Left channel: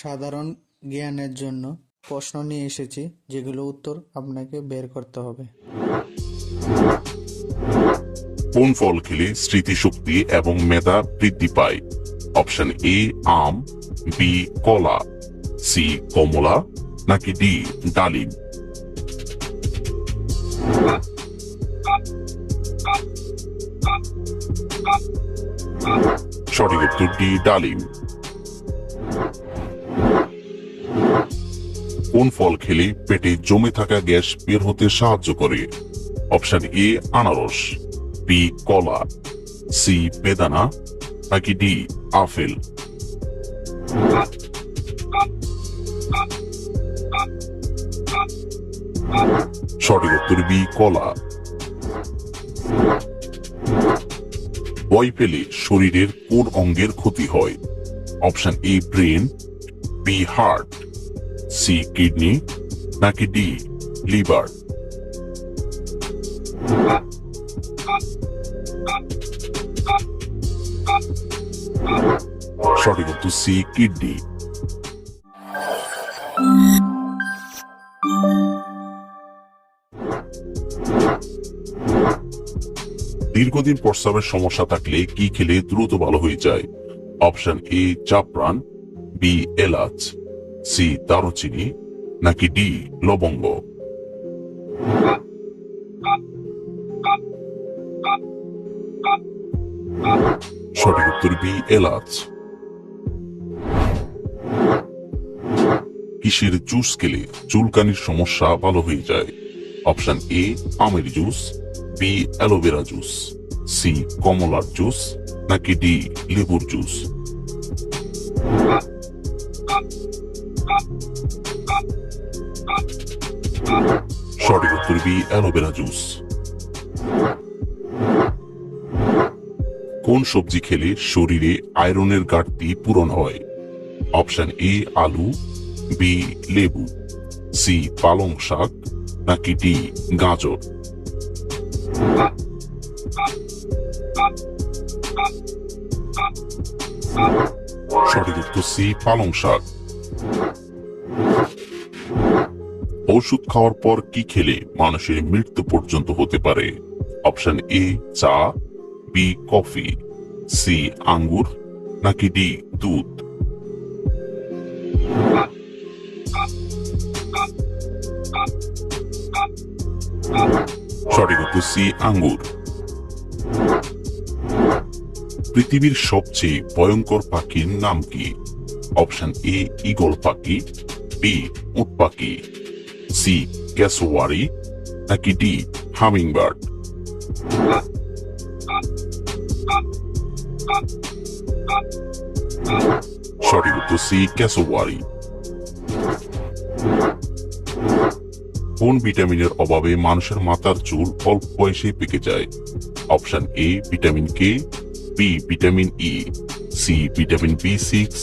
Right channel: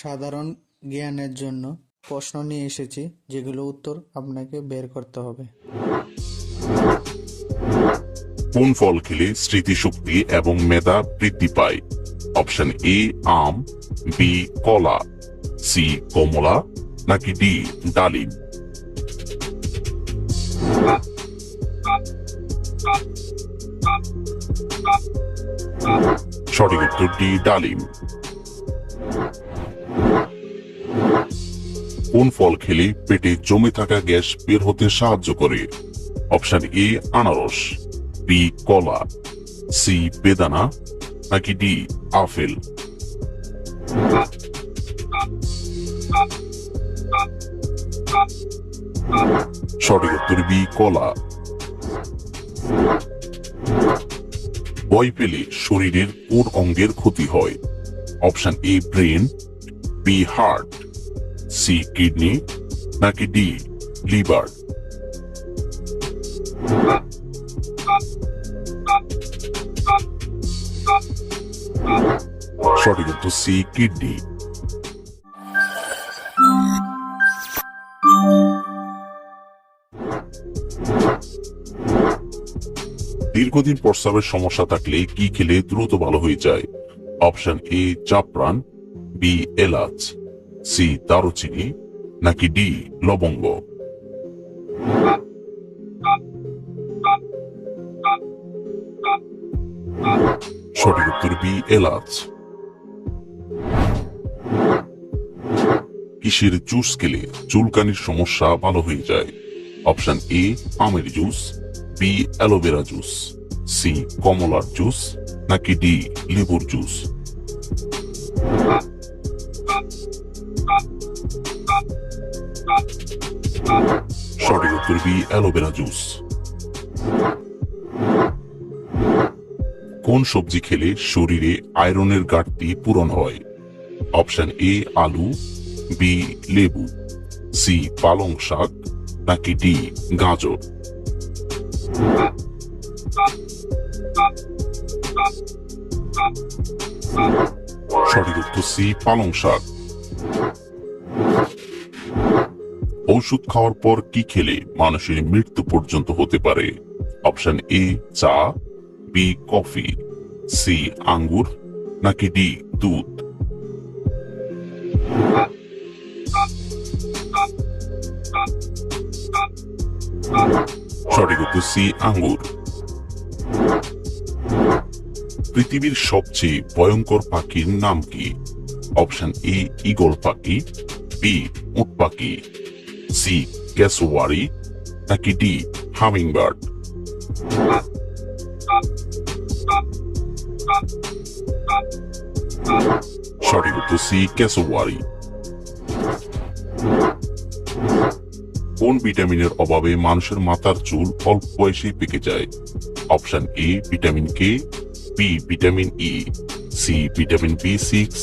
সাধারণ জ্ঞানের জন্য প্রশ্ন নিয়ে এসেছি, যেগুলো উত্তর আপনাকে বের করতে হবে। কোন ফল খেলে স্মৃতিশক্তি এবং মেধা বৃদ্ধি পায়? অপশন এ আম, বি কলা, সি কমলা, নাকি ডি ডালিম? সঠিক উত্তর ডি ডালিম। কোন ফল খেলে পেটে জমে থাকা গ্যাস বের হতে সাহায্য করে? অপশন এ আনারস, বি কলা, সি বেদানা, নাকি ডি আপেল? সঠিক উত্তর বি কলা। ভয় পেলে শরীরের কোন অঙ্গের ক্ষতি হয়? Option A brain, B heart, C kidney, নাকি ডি লিভার? সঠিক উত্তর সি কিডনি। দীর্ঘদিন প্রস্রাবের সমস্যা থাকলে কি খেলে দ্রুত ভালো হয়ে যায়? অপশন এ জাফরান, বি এলাচ, সি দারুচিনি, নাকি ডি লবঙ্গ? সঠিক উত্তর বি এলাচ। কিসের জুস খেলে চুলকানির সমস্যা ভালো হয়ে যায়? অপশন এ আমের juice, B aloe vera juice, C কমলার জুস, নাকি ডি লেবুর জুস? সঠিক উত্তর বি অ্যালোভেরা জুস। কোন সবজি খেলে শরীরে আয়রনের ঘাটতি পূরণ হয়? অপশন এ আলু, বি লেবু, সি পালং শাক, নাকি ডি গাজর? সঠিক উত্তর সি পালং শাক। ওষুধ খাওয়ার পর কি খেলে মানুষের মৃত্যু পর্যন্ত হতে পারে? অপশন এ চা, বি কফি, সি আঙ্গুর, নাকি ডি দুধ? সঠিক উত্তর সি আঙ্গুর। পৃথিবীর সবচেয়ে ভয়ঙ্কর পাখির নাম কি? অপশন এ ঈগল পাখি, বি উট পাখি, সি ক্যাসোয়ারি, নাকি ডি হামিংবার্ড? সঠিক উত্তর সি ক্যাসোয়ারি। কোন ভিটামিনের অভাবে মানুষের মাথার চুল অল্প বয়সে পেকে যায়? Option A vitamin K, B vitamin E, C vitamin বি6,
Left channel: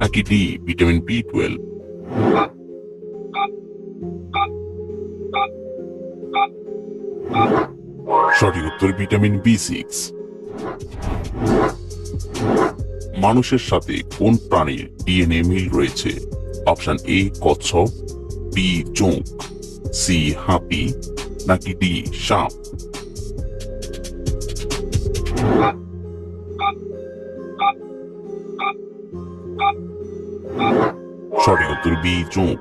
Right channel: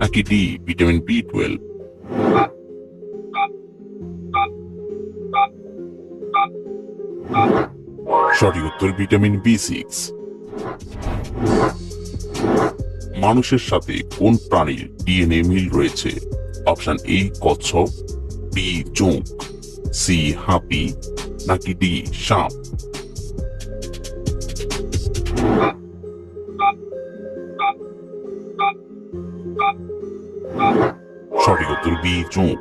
নাকি ডি ভিটামিন বি12? সঠিক উত্তর ভিটামিন বি6। মানুষের সাথে কোন প্রাণীর ডিএনএ মিল রয়েছে? অপশন এ কচ্ছপ, বি জোঁক, সি হাতি, নাকি ডি সাপ? সঠিক উত্তর বি জোঁক।